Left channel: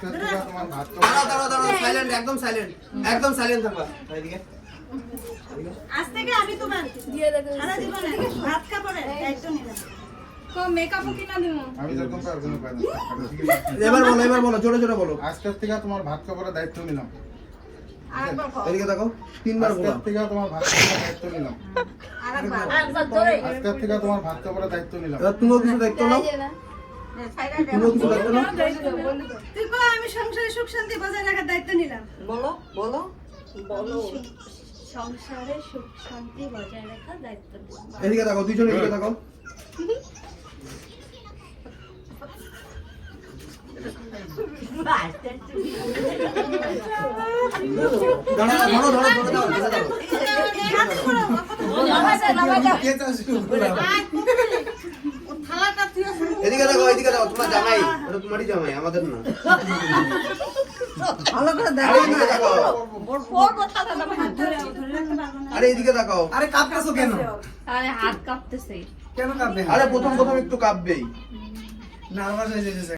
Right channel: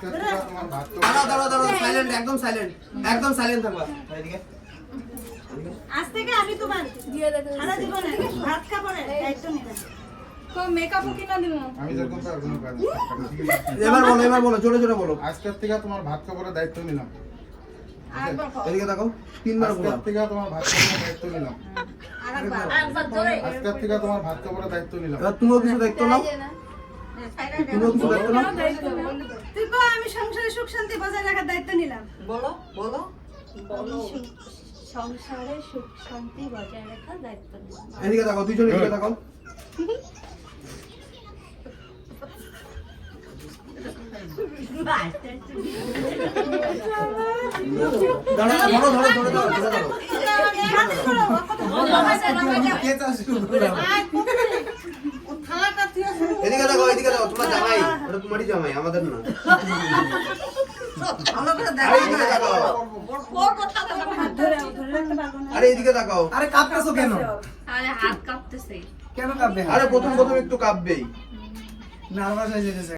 থেকে তোমার ভাত দাঁড়াও সাইলেন্ট, একদম সাইলেন্ট থাকবা। এইদিকে আজ থেকে আমি তোমার দিয়ে দেব সারা জীবনে ভাত খাবো না দায়িত্ব নিলাম। তো মেকআপও কিনা দিমু আমি যখন পারবো না পারবো। এবার বলো জোরে বলো। আজকের থেকে তোমার ভাত খাবারের দায়িত্ব নিলাম। আর বাবা এদিকে দেখো, তিনবার বলো। আজকের থেকে তোমার ভাত খাবারের দায়িত্ব নিলাম। আরেকবার জোরে আজকের থেকে তোমার ভাত খাবারের দায়িত্ব নিলাম। এবার তুমিও কিছু দেখতো না, তুমিও কিছু দেখতো না। তুই কো আমি সংসারে সুখ শান্তি বজায় রাখার দায়িত্ব নিলাম। বলো বলো সংসারে সুখ শান্তি বজায় রাখার দায়িত্ব নিলাম। এদিকে দেখো, দুইজন এদিকে দেখো। এদিকে দেখো, তোমার জামাই, এটা তোমারই জামাই, আমাদের না। ভালো করে এদিকে দেখো, আরে এদিকে দেখো। আরে কাঁপতেছো কেন? আরে হাত কাঁপতেছে। কেন কাঁপবে? আরে প্রথম একটু কাঁপবেই। নার্ভাস হয়ে যেতেছে।